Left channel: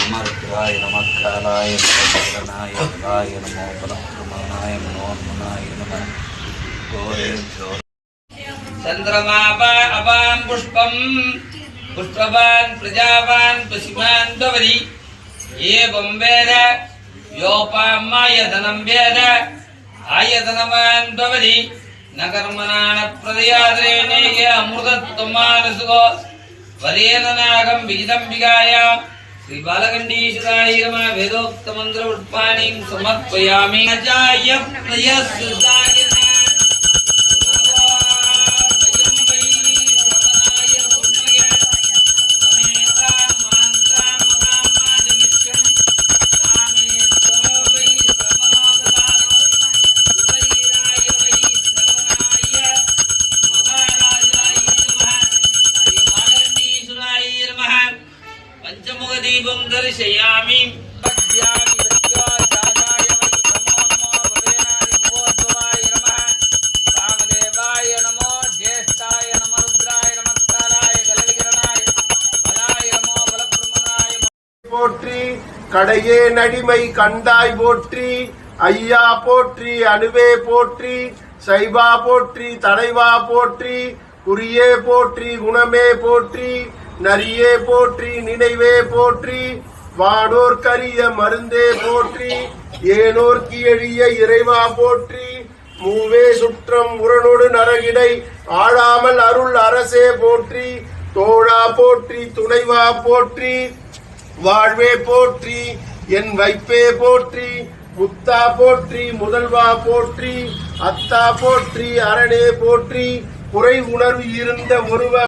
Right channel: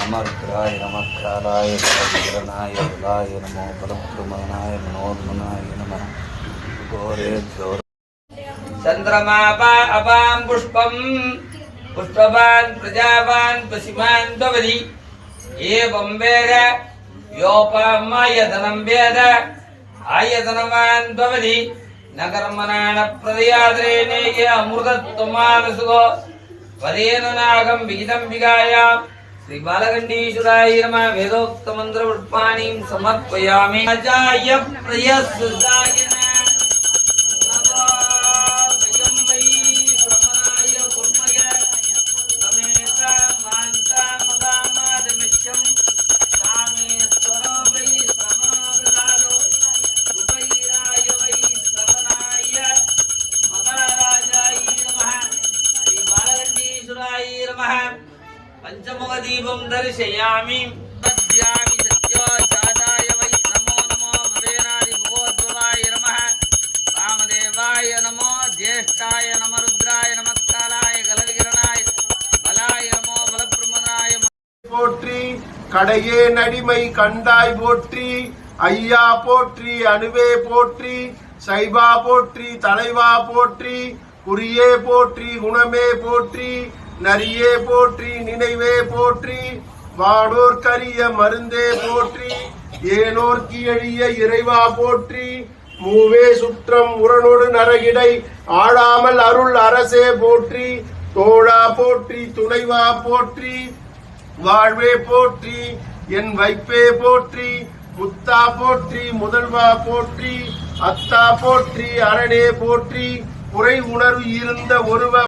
नमस्काराय नमस्काराय नमोगणाय नमो बलप्रमणाय मनोगुणाय नमः चंद्रमापा अपां पुष्पं पुष्पवान् प्रजावान् पशिमान् दवरि एवं वेद योपामायतनं वेद आयतनवान् दवरि न कर्मणान प्रदयाद्रेणे अमृतत्वमानसुगो वरेननागं विजितंबिकायां श्री बालगंडीश्वराय नमः वेदोक्त मंत्र पुष्पाणिं समर्पयामि अजाय प्रयस्सुदाय पंचमुख दीपं दर्शयामि अद्यानि सत्याचाराय वै नमो नमो भवेनादिमोद्भवाय नमः रामदेवाय नमो ज्येष्ठाय नमः रुद्राय नमस्काराय गलगिरणाय बलाय नमो बलब्रह्मणाय போற்றி கடையே நடிமை கண்டாய் போற்றி ஐயா போற்றி அணுவே போற்றி சைபா போற்றி தலைவா போற்றி குறியே போற்றி குணமே போற்றி நரியே போற்றி நினைவே போற்றி வானோர் கரிய மருந்தே போற்றி ஏனோர்க்கு எழிய இறைவா போற்றி மூவே சுற்றம் உரனோடு நரகிடை ஆடாமல் அருள் அரசே போற்றி தோழா போற்றி துணைவா போற்றி வாழ்வே போற்றி என் வைப்பே போற்றி முத்தா போற்றி முதல்வா போற்றி அத்தா போற்றி அரணே போற்றி குறை உணர்வு இருந்த ஒருவ